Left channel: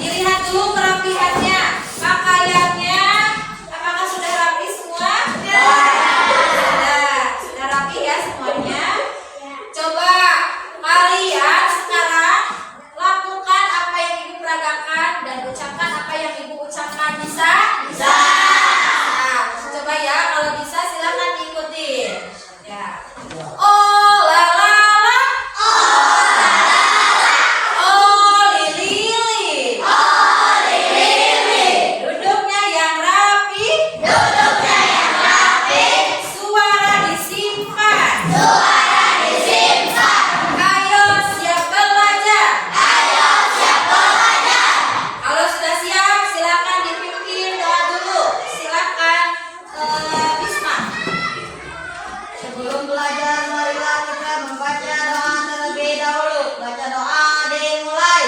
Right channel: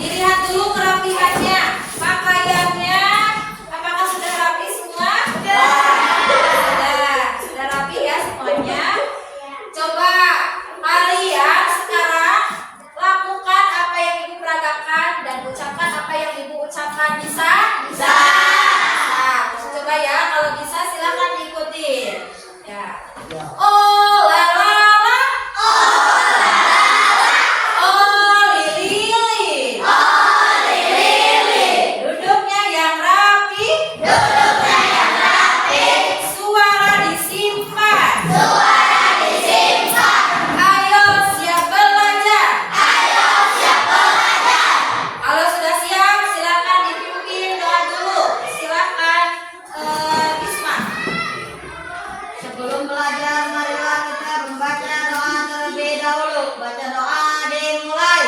Dilihat dulu kerapihannya, pakaiannya, apakah sudah rapi semua? Sudah rapi ya semuanya. Coba kalian sekarang lakukan apa yang ibu peragakan dan ucapkan apa yang ibu ucapkan. Bisa? Bisa. Nah, coba ya, kalau bisa silakan diikuti. Ya. Oh la la la, oh la la la, oh lili lili, oh lili lili. Duduknya yang rapi, duduknya yang rapi. Suara disimpan, suara disimpan. Ayo siap belajar, ayo siap belajar. Kalau sudah siap, silakan dipimpin doa dulu. Silakan Bisma. Sebelum belajar, marilah kita membaca doa terlebih dahulu. Baca doa dimulai.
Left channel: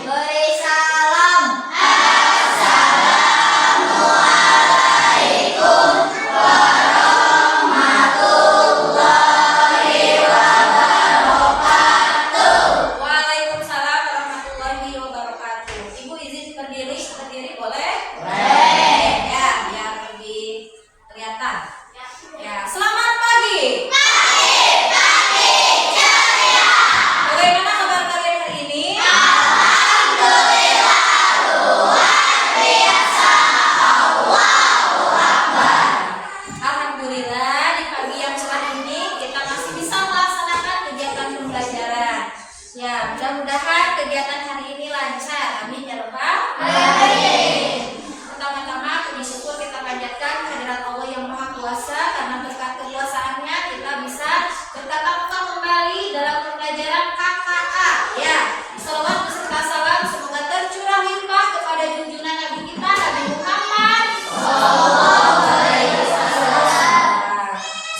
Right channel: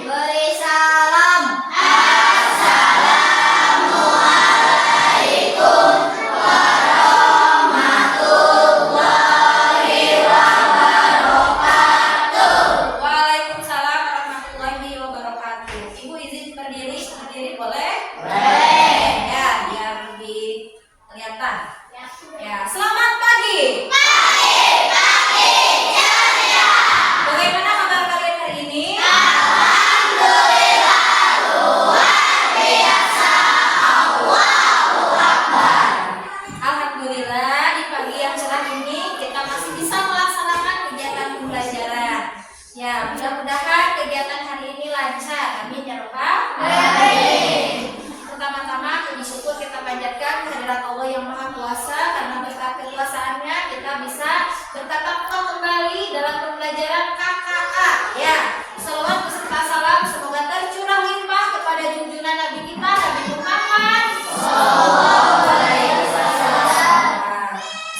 Beri salam. Waalaikumsalam warahmatullahi wabarakatuh. Ibu izin berdiri boleh? Boleh. Ya, biar lebih kelihatan. Ya, selamat pagi. Bagaimana kabar kalian hari ini? Alhamdulillah, di pagi yang cerah ini kita masih bisa melaksanakan kegiatan pembelajaran. Ya, mudah-mudahan kegiatan hari ini lancar. Amin ya Rabbal alamin. Pertama-tama puji syukur kita panjatkan kehadirat Allah yang Maha Kuasa, karena berkat kekuasaannya kita bisa bertatap muka kembali dalam pembelajaran KKA. Ya, selawat beserta salam semoga tercurah limpah kepada junjungan Nabi kita Nabi Muhammad.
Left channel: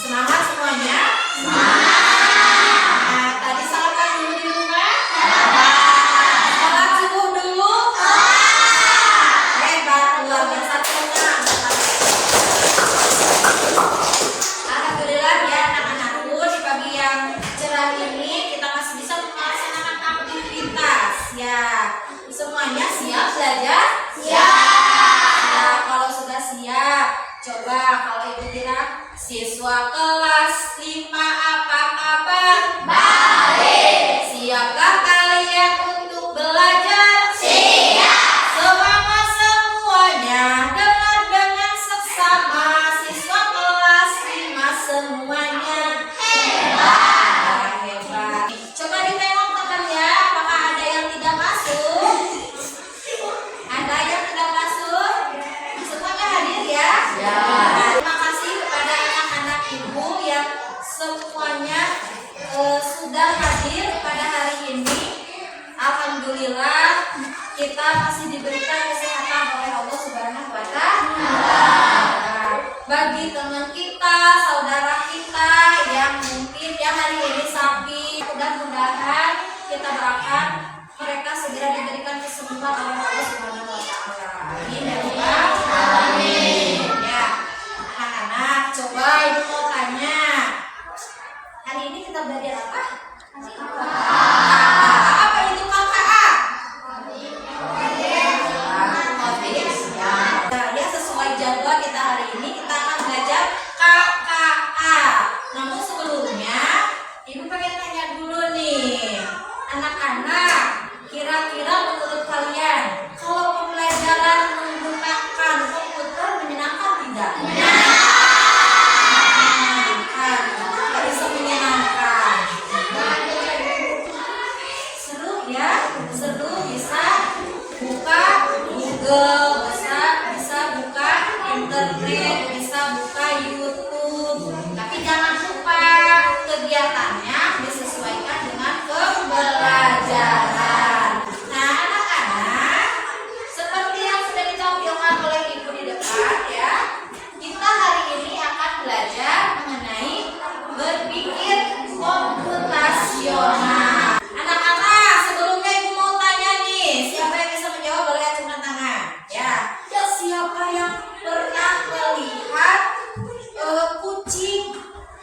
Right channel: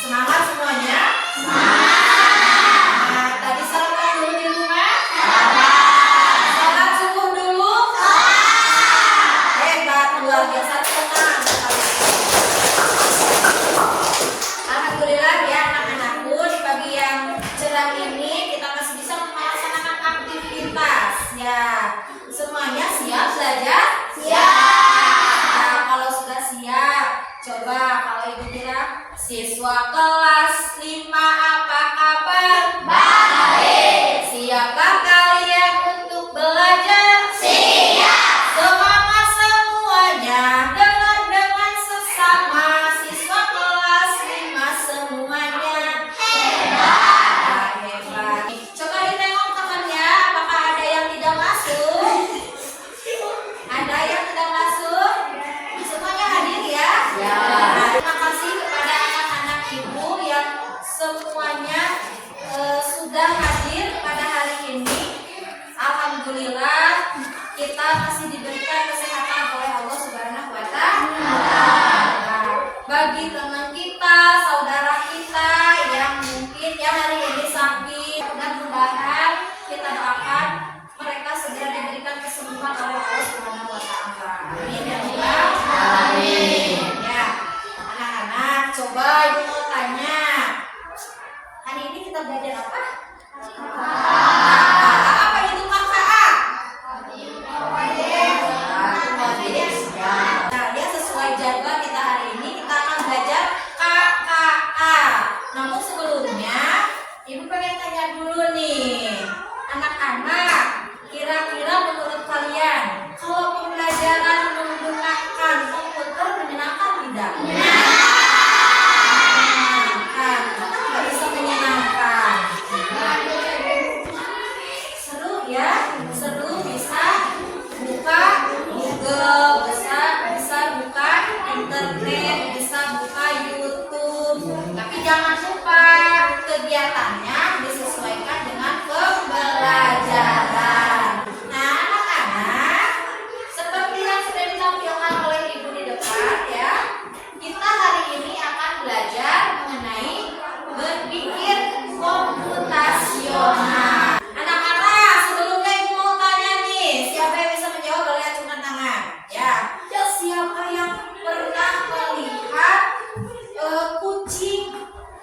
Semangat semuanya. Nah, tadi sarapan dulu di rumah. Sholat subuh dulu. Hebat, luar biasa, tenang. Alhamdulillah ya anak-anakku, di pagi yang cerah ini kita masih bisa melaksanakan aktivitas. Ya, semuanya siap belajar? Siap. Nah, kalau sudah siap, coba kalau ibu bilang siswa kelas 5 apa kabar? Baik. Siapkah kalian untuk belajar? Siap. Semangat semuanya, dengan sesama siswa kelas 5 semuanya. Hebat. Hebat. Coba ditengok temannya, apakah ada yang tidak masuk? Ada yang tidak masuk? Semuanya hadir ya? Nah, terima kasih kepada anak-anak ibu yang semuanya sudah hadir pada hari ini. Alhamdulillah kita masih diberikan kesehatan oleh Allah Subhanahu wa Ta'ala. Bagi teman kita, saudara kita yang mungkin yang hari ini sakit, mudah-mudahan kita doakan mereka segera diberikan kesembuhan oleh Allah Subhanahu wa Ta'ala. Amin ya Rabbal alamin. Ya, anak-anak, coba ibu mau tanya. Hari ini kita belajar apa? Apa itu KKA? Nah, ya sesuai jadwal kita hari ini kita akan belajar internet, bisa buka YouTube. Tapi jangan lupa kegiatannya disesuaikan dengan pembelajaran. Nah, anak-anak, seperti yang sudah ditampilkan oleh ibu di depan ya, kita hari ini akan belajar mengenai berpikir komputasional. Anak-anak, sebelumnya ibu mau tanya nih, siapa yang bisa menjawab boleh acungkan tangan. Ya, siapa yang pernah melihat kucing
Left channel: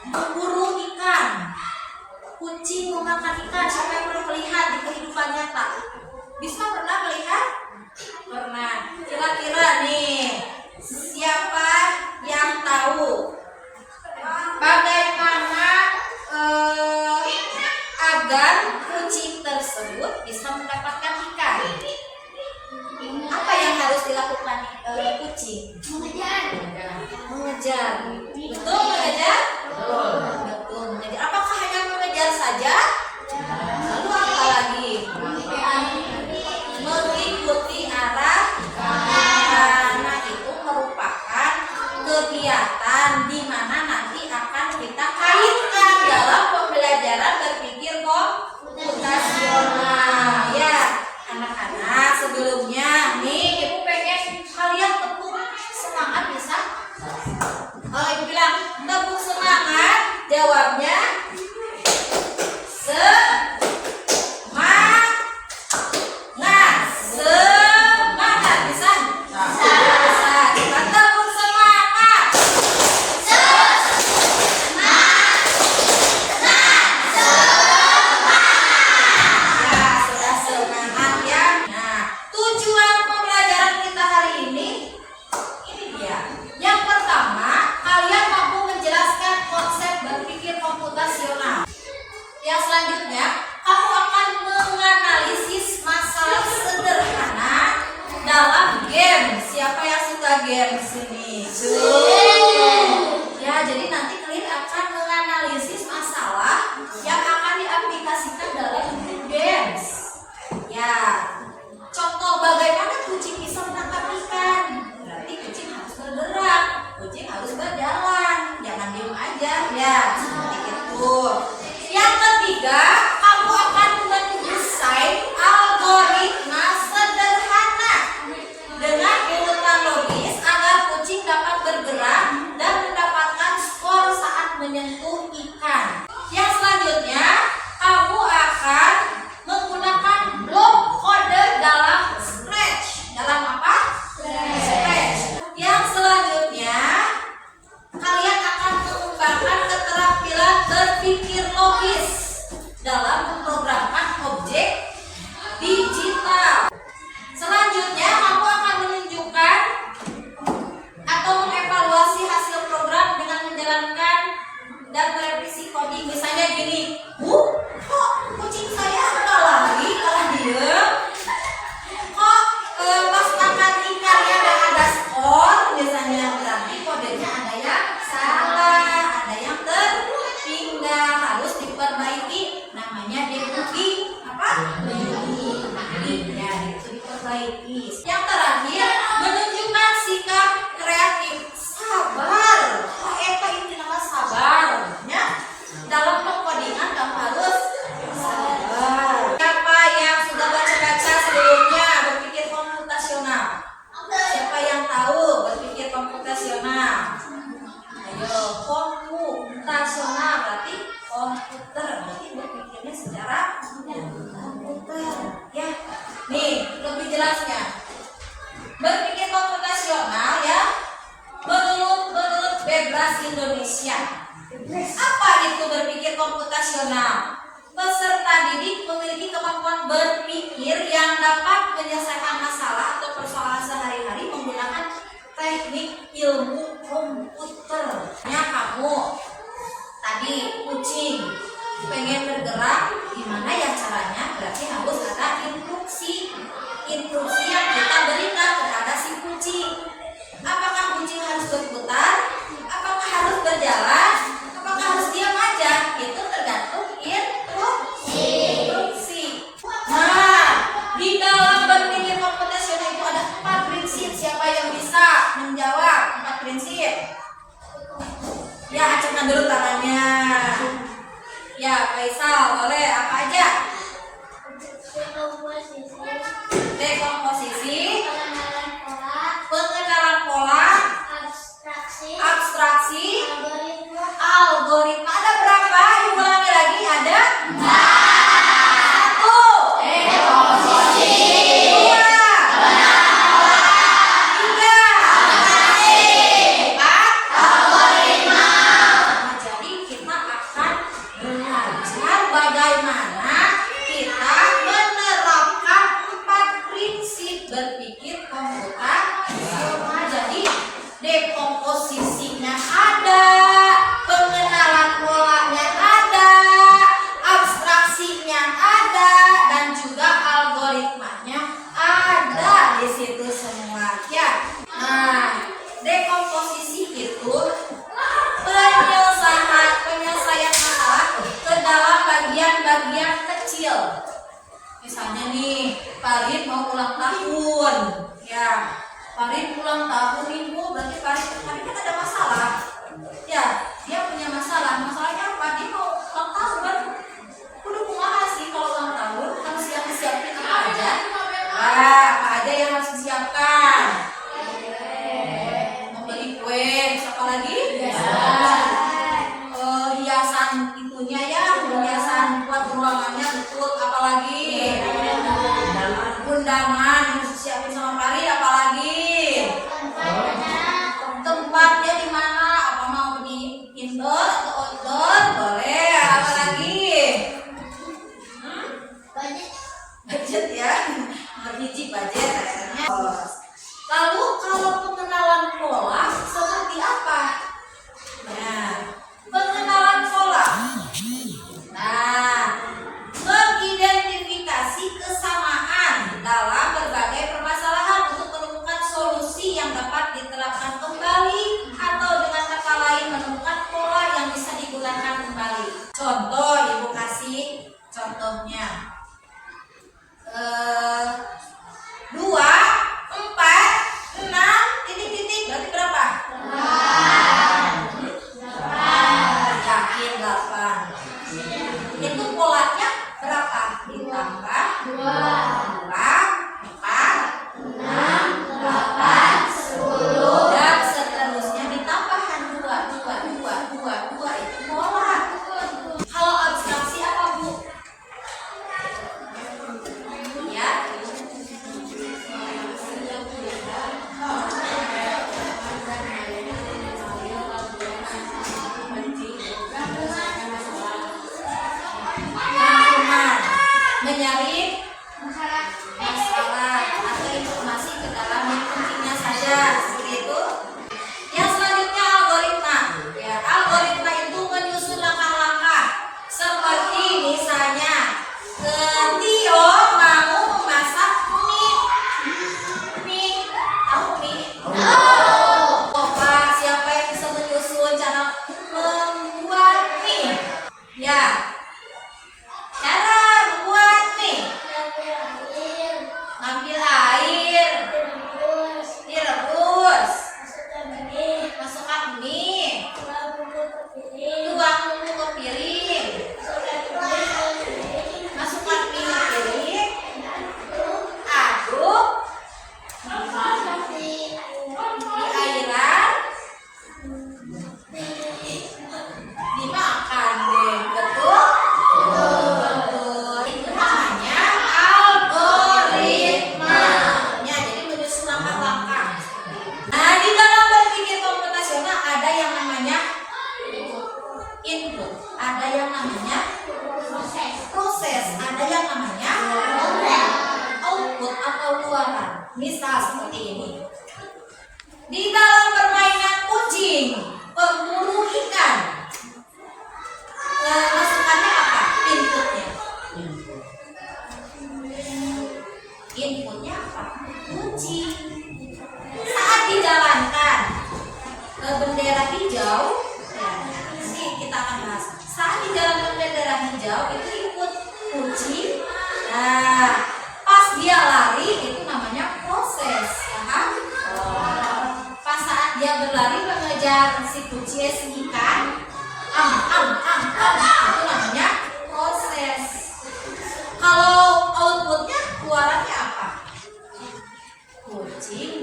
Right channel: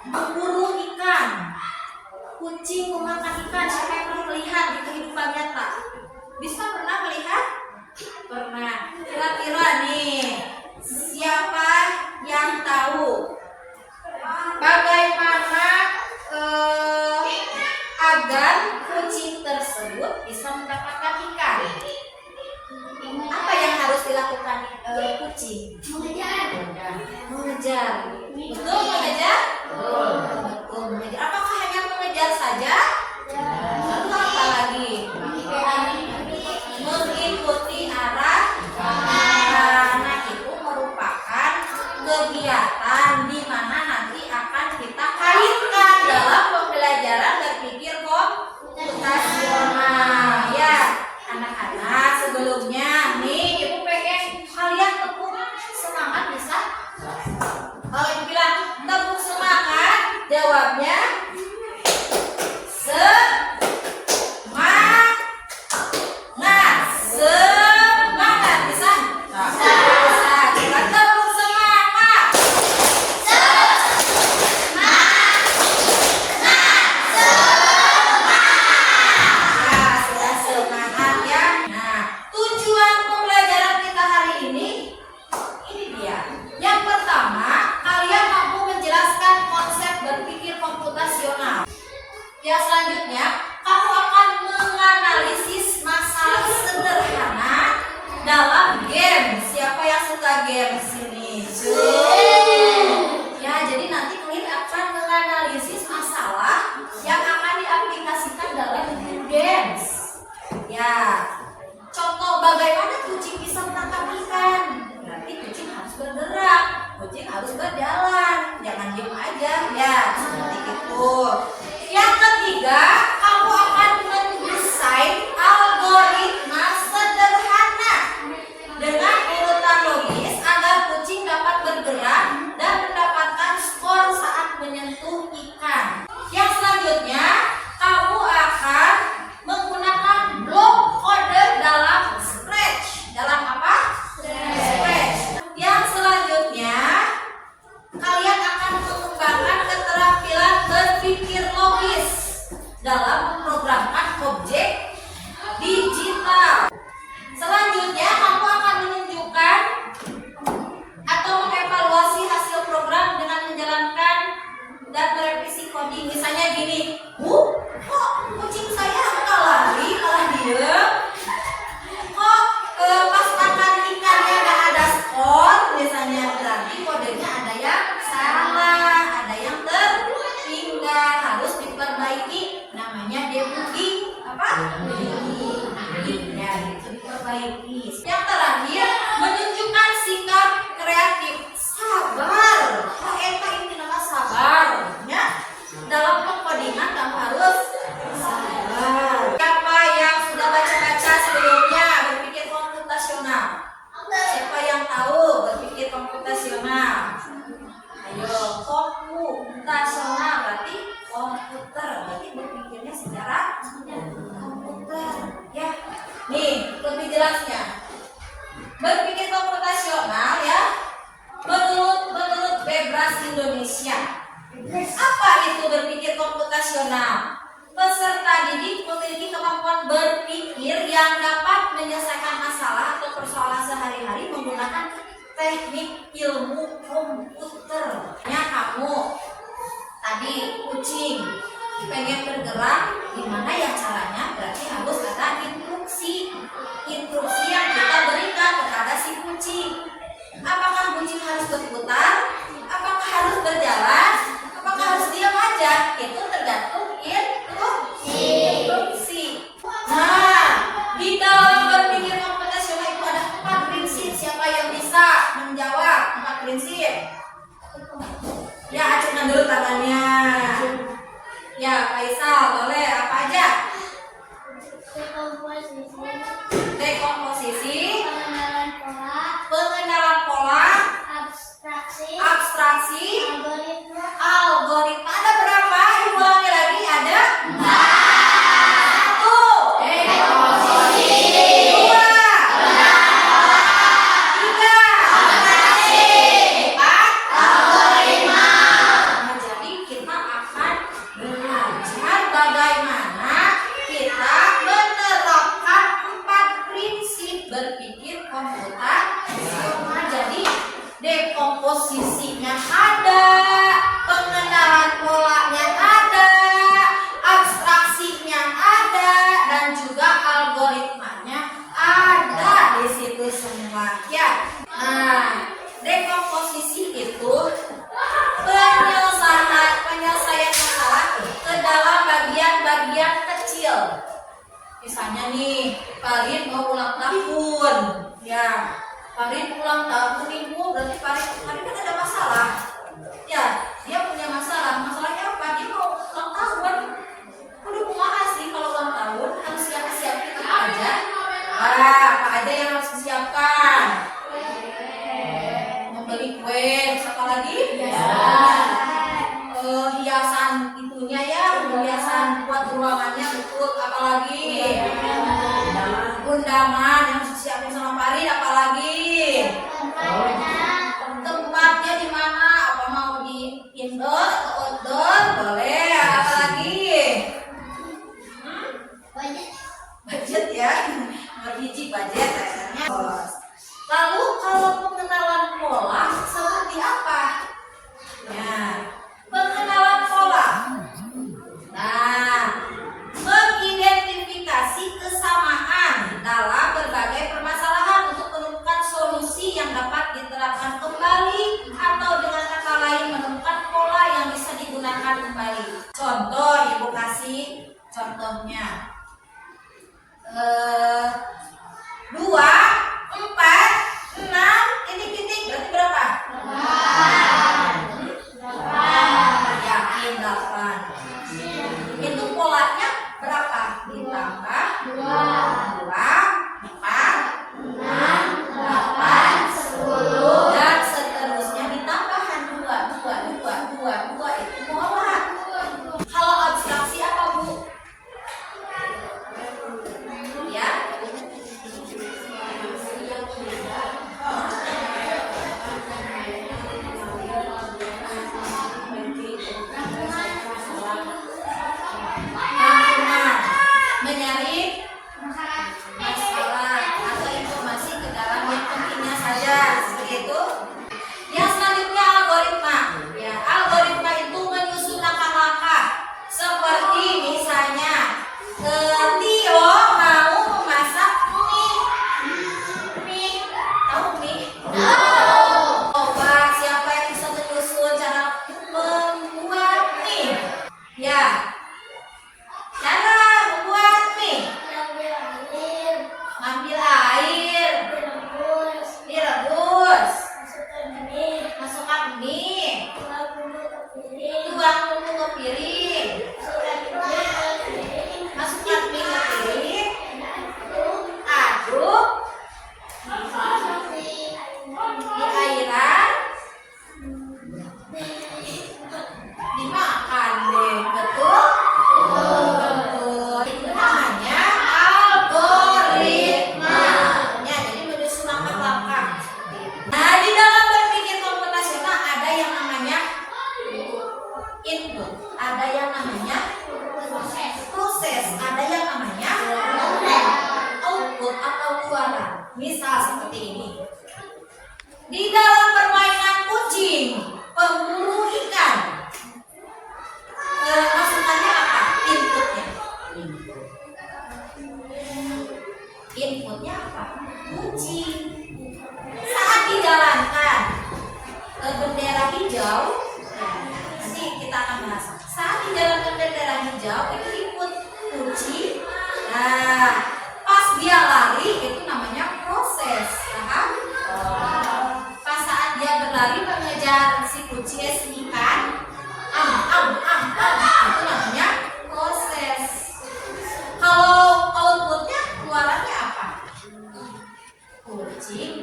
berburu ikan? Kucing memakan ikan, siapa yang pernah melihat di kehidupan nyata? Bisa pernah melihat? Pernah. Kira-kira nih, siapa yang tahu bagaimana agar kucing tersebut bisa mendapatkan ikan? Apa yang harus dilakukan kucing? Mengejar. Betul mengejar? Betul mengejar. Apakah hanya mengejar saja? Lalu apa lagi? Mengikuti arah. Nah, itu merupakan kegiatan di mana nanti akan kita kaitkan dalam pembelajaran berpikir komputasional. Ya, anak-anak, sebelumnya nih ibu pengen kalian tepuk semangat, bisa? Kalau ibu bilang tepuk semangat, jawabnya semangat. Bisa? Bisa. Kita tepuk semangat. Ya, sudah semangat ya. Nah, tujuan pembelajaran kita hari ini dia. Yang pertama, kalian mampu menjelaskan konsep berpikir komputasional. Yang selanjutnya, kamu akan menganalisis masalah sederhana dalam game. Siapa yang suka game di sini? Ya, jadi nanti kalian akan menganalisis masalah yang akan diaplikasikan dalam games. Ya, contoh bagaimana kucing bisa menangkap ikan. Berarti kucing harus bergerak, kucing harus berjalan, jangan diam aja. Ya, seperti itu. Yang ketiga, kamu akan mendesain algoritma sederhana dengan urutan logis agar kucing dapat bergerak dan mendapatkan skor saat menyentuh ikan. Yang selanjutnya, kamu akan menggunakan blok kode dalam Scratch. Dalam apa? Scratch. Yang selanjutnya, kalian akan mengembangkan keterampilan berpikir logis dalam memprogramkan objek digital. Selanjutnya, kamu akan menunjukkan atau mengevaluasi hasil program dengan menjalankan dan merevisi coding. Misalnya gini, kok kucing saya kalah diem? Kok pas makan ikannya nggak ada skor? Misalnya, berarti kodenya ada yang salah, ada yang tertinggal, harus diperbaiki. Namanya debugging. Apa? Debugging. Ya, itu diperbaiki. Yang terakhir, menunjukkan sikap kreatif, sabar. Eta itu nama sabar. Ya, dalam pengkodingan kamu harus sabar. Siapa yang sudah baca-baca sebelumnya berpikir komputasional? Siapa yang tahu berpikir komputasional? Ayo, komputasional berarti komputer, berarti berpikirnya secara komputer. Ya, nih lebih jelasnya. Berpikir komputasional ya, menurut Bebas Indonesia. Apa itu berpikir komputasional? Peserta didik memiliki kemampuan berpikir yang dapat menyelesaikan masalah atau persoalan sehari-hari menggunakan teknik ilmu komputer. Ya, kamu tadi kucing pengen bergerak, gimana ya caranya? Berarti harus ada instruksi yang kita berikan kepada si kucing. Apakah kucing harus berputar? Apakah harus berjalan? Apakah harus diam aja? Itu tergantung instruksi. Nah, di dalam berpikir komputasional itu ada 4 prinsip. Siapa yang bisa menjawab 4 prinsip? Komunikasi, pengenalan pola, pengenalan pola, abstraksi, abstraksi, algoritma, algoritma. Ada berapa? Ulangi lagi, ada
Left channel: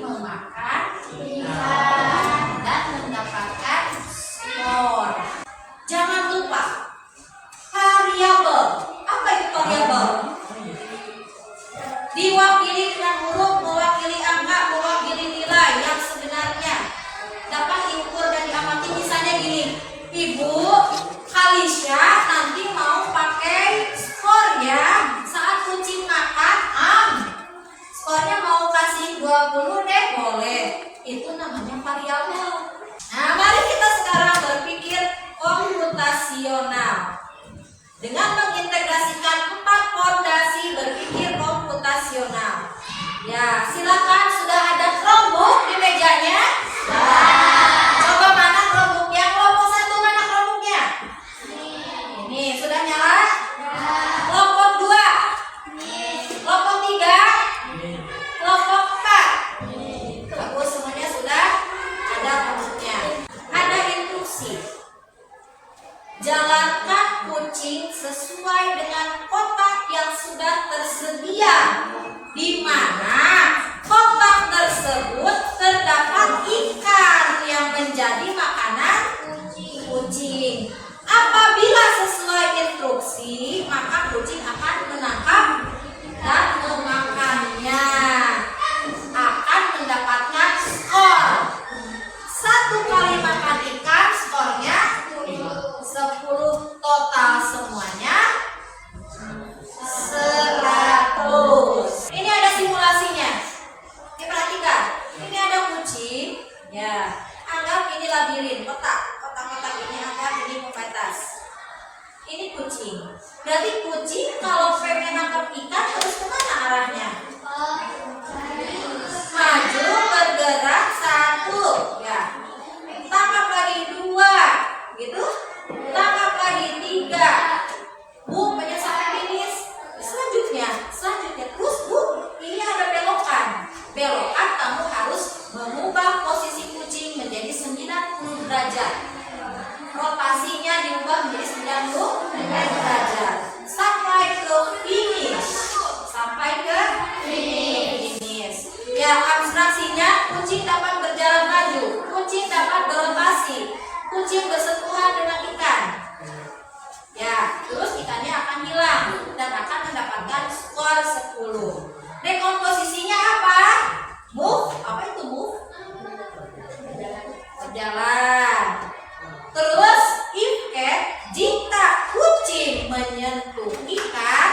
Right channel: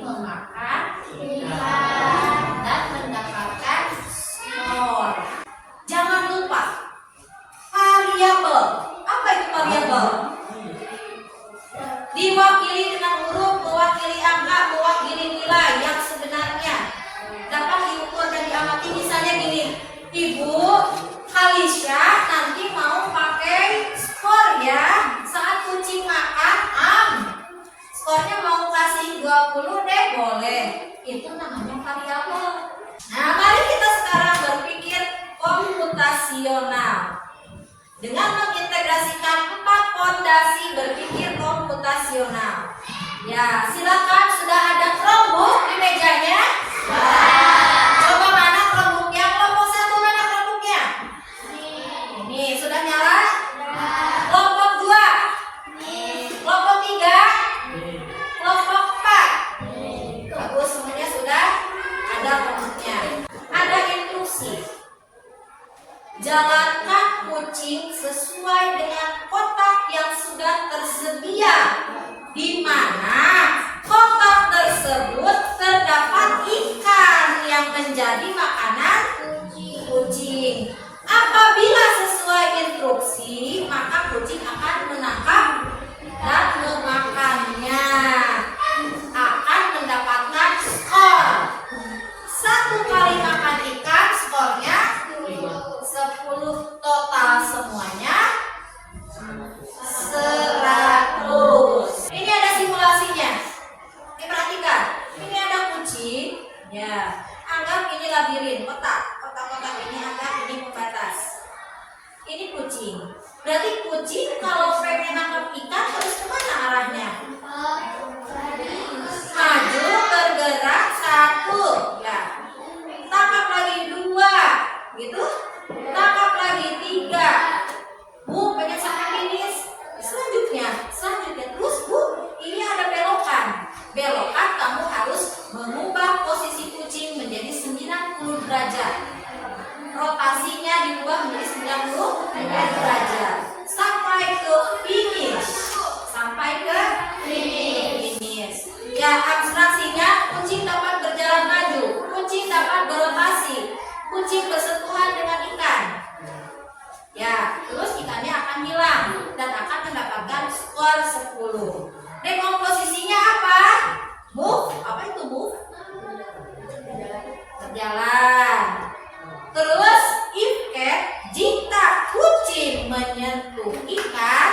memakan ikan dan mendapatkan skor. Jangan lupa variabel. Apa itu variabel? Diwakili dengan huruf, mewakili angka, mewakili nilai yang sebenarnya dapat diukur dan diamati. Misalnya gini, Ibu Kalisha nanti mau pakai skor ya saat kucing makan skornya mau kasih 20 deh, boleh. Itu namanya variabel. Nah, mari kita sekarang berpikir komputasional dengan mengintegrasikan 4 fondasi berpikir komputasional. Ya, silakan, sudah ada Chromebook di mejanya? Coba mana Chromebooknya? Kelompok 1 mana Chromebooknya? Ini sudah nyala? Kelompok 2? Kelompok 3? Kelompok 4? Bagus, semuanya sudah ada Chromebooknya. Ada instruksi. Jalankan kucing sesuai dengan kotak yang sudah tersedia, di mana kotak tersebut terdapat ikan yang menjadi makanan kucing. Apabila sesuai instruksi, maka kucing akan menangkap dan memakannya, akan mendapatkan skor. 1 kali makan ikan skornya 10, total semuanya 100. Ini ada simulasinya. Diperhatikan. Ini ada kucing. Ya, anggap ini labirin, kotak-kotak ini anggap ini pembatas. Ini kucing. Berarti kucing kalau pengen nangkap ikan harus kemana arahnya? Maju, bergerak 1. Ya. Tangkap lagi 2. Gitu. Tangkap lagi 3. Bu, pengen sampai finish. Selanjutnya terus Bu, ini ada belokan. Belokan kamu harus mengubah posisi kucing menjadi 90 derajat. Rotasinya diubah menjadi 90 derajat. Sampai ke finish. Ya, abstraksinya kucing dapat berjalan maju, kucing dapat berotasi, kucing bersentuhan dengan ikan. Ya, terus ikannya akan hilang dan akan mendapatkan skor 10. Rekomposisinya apa? Move. Apa itu move? Berjalan. Terus if cat, jika kucing menyentuh ikan,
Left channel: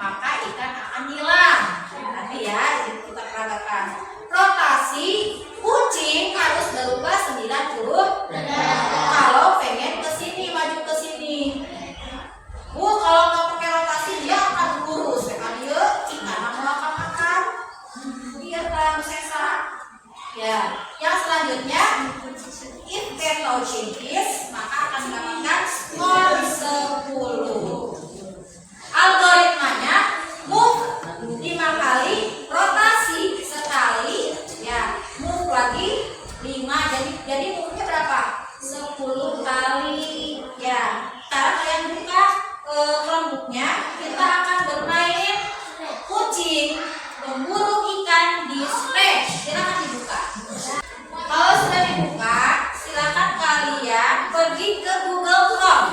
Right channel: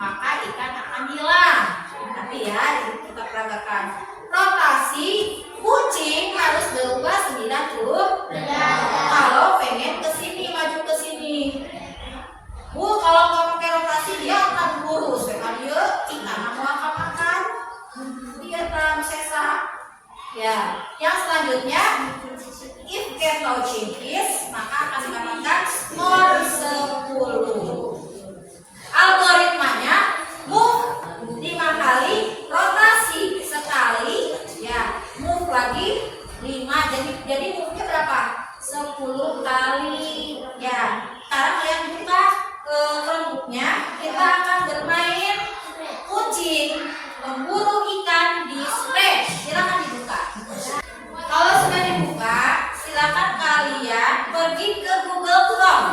maka ikan akan hilang. Nanti ya kita peragakan. Rotasi kucing harus berubah 90 derajat. Kalau pengen ke sini, maju ke sini. Bu, kalau nggak pakai rotasi dia akan lurus. Kan yuk, ikan mau makan. Dia tahu sesa. Ya, yang selanjutnya if cat touching fish, maka akan mendapatkan skor 10. Algoritmanya move 5 kali, rotasi sekali, ya, move lagi 5, jadi move-nya berapa? 10 kali. Ya, sekarang kalian buka Chromebook-nya, kita akan bermain kucing memburu ikan di stage. Silakan dibuka. Kalau sudah dibuka, silakan kalian pergi ke Google Chrome.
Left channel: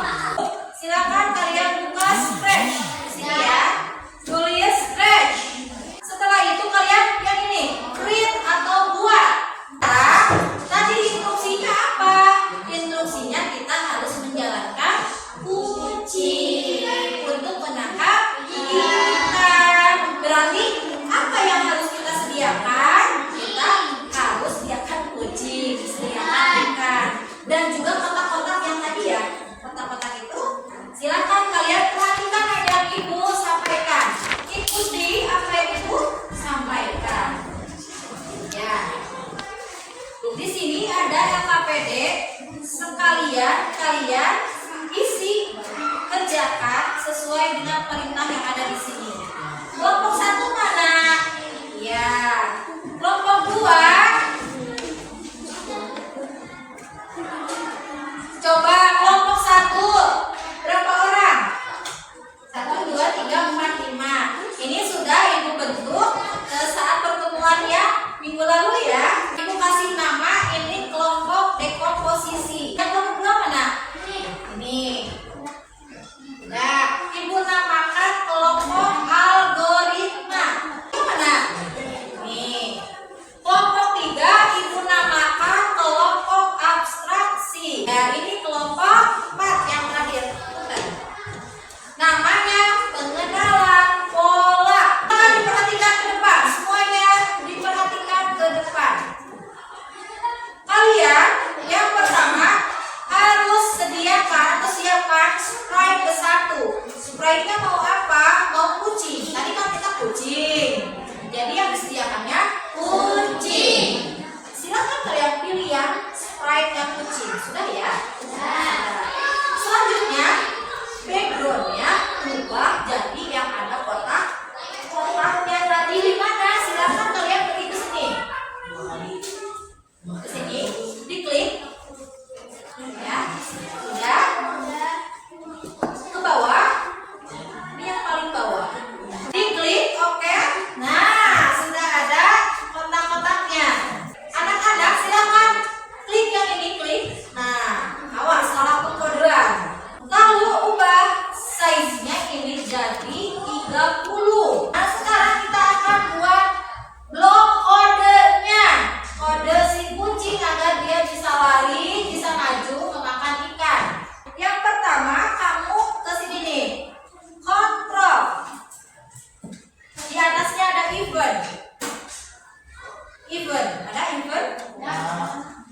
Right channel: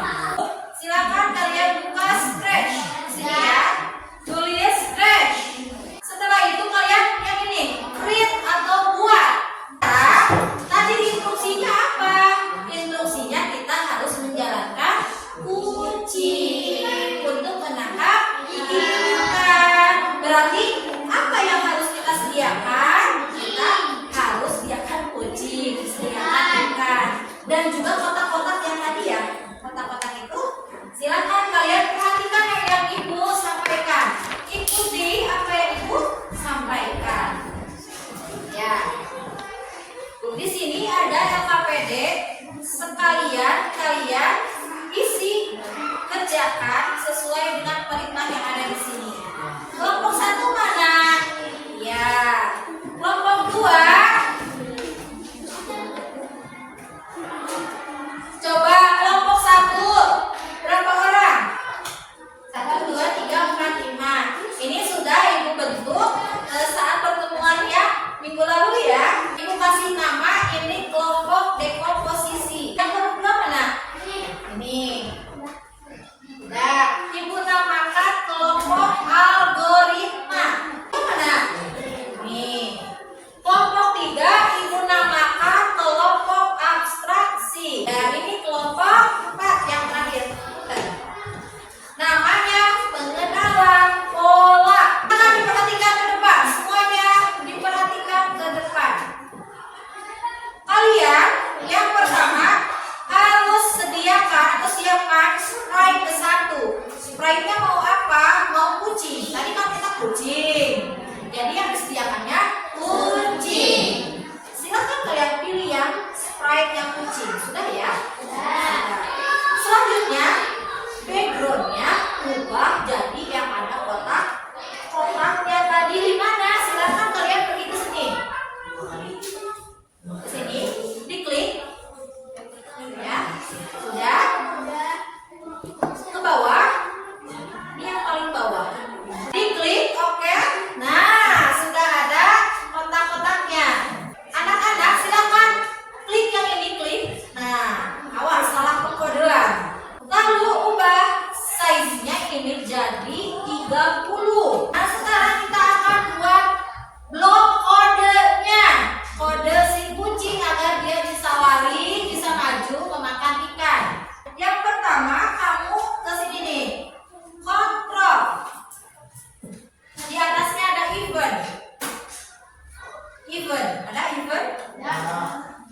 Event. Ada event?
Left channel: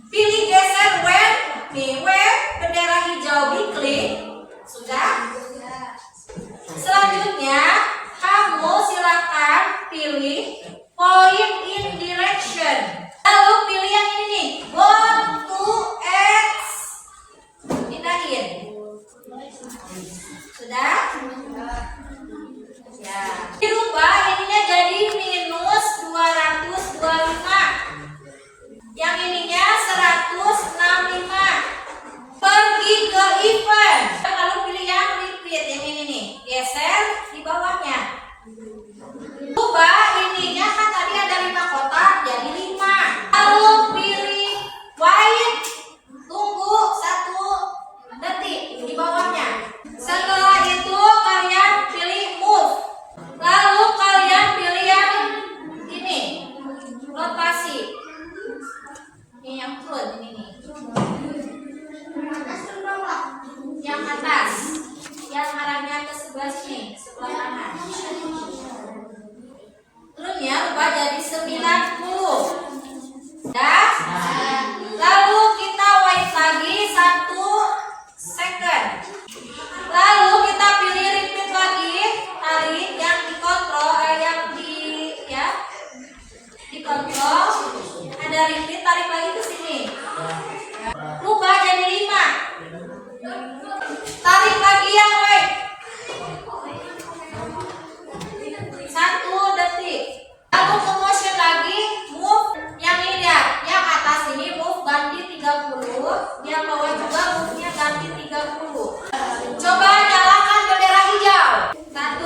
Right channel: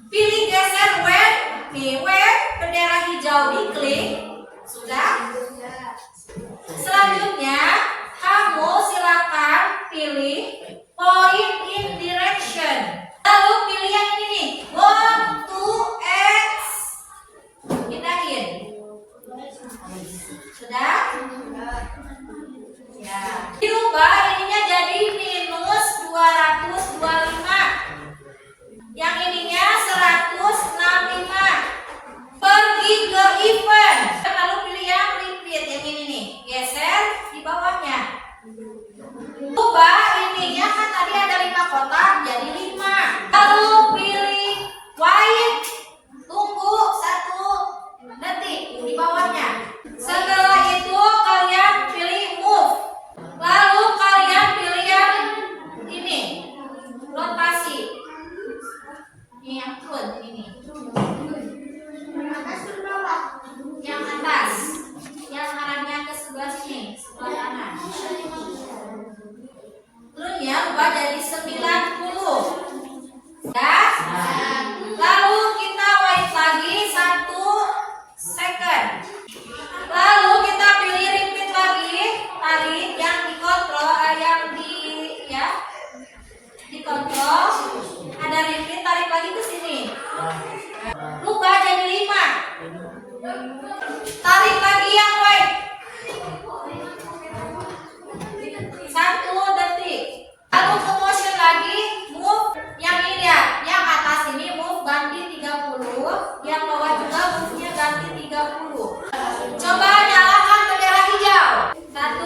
Pilih geser when. Nih, when bendera hijau diklik. Sudah? Selanjutnya, kamu silakan pilih point in direction. Lalu pilih yang ini nih, go to X. Pindahin. Sudah? Ya. Dirubah ininya jadi minus 225. Yang ininya 165. Pergi ke event. Lalu pilih yang repeat, yang ini nih. Geser di bawahnya. Ubah ininya kan tadi ada 5 kotak jadi 5. Lalu pilih white. Tunggu 1 detik di bawahnya. Setelah itu kalian pilih move. Lalu kalian pilih yang ini. Rotasi. Ini yang front ini. Yang atas. Yang arahnya ke sebelah sini, sebelah kanan. Terusnya ubah jadi 90. Ya. Lalu kita wait lagi 1 second. Lalu kita pilih repeat lagi. Tarik yang dikontrol, yang dikontrol. Ada repeat, tarik lagi ke sini. Rubah jadi 5. Tarik lagi yang right. 1 detik. Lalu ke motion lagi, move yang ini ya, yang atas ini move ganti 30, yang bawah juga move-nya ganti 30. Coba nyalakan bendera hijau. 1,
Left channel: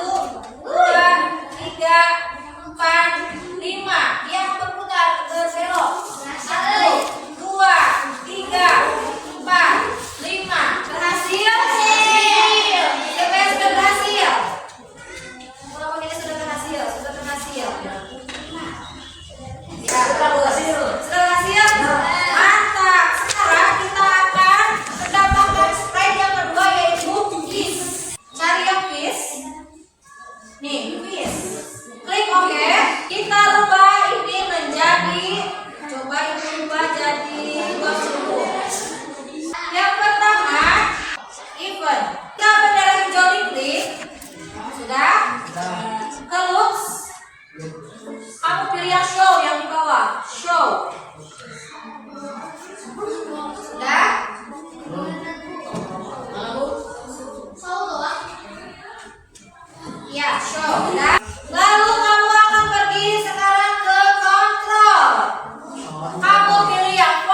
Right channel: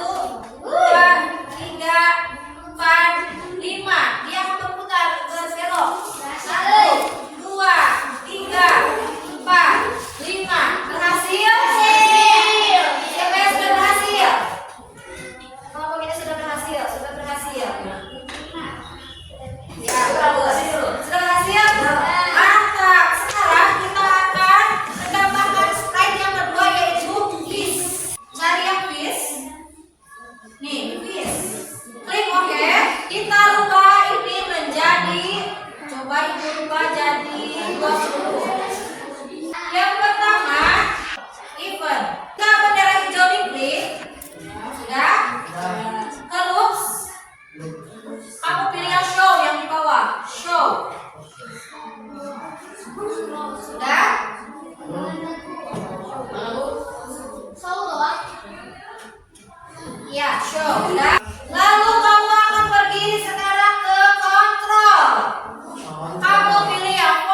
2, 3, 4, 5. Dia berputar berbelok. 1, 2, 3, 4, 5. Berhasil? Siapa yang sudah berhasil? Kalau ini sudah berhasil, sudah berhasil. Ya, bagus. Sudah berhasil? Mantap. Sekarang kita akan mendapatkan slide yang kedua yaitu fish. Cari yang fish. Nih, fish. Klik OK. Kita rubah ini menjadi, coba ini rubah jadi 20. Yang pertama, event. Kita bendera hijau diklik. Sudah? Ke looks. Kamu pilih yang show yang di bawah. Show. Sudah? Ya, show. Sudah? Lalu kamu akan pergi sekarang ke control. Kamu pilih yang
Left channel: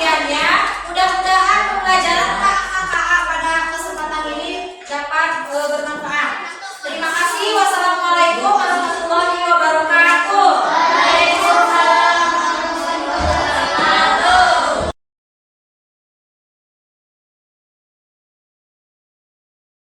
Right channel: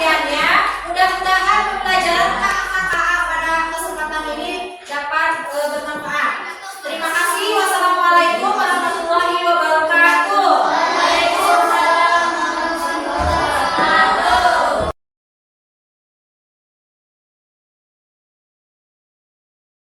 latihannya.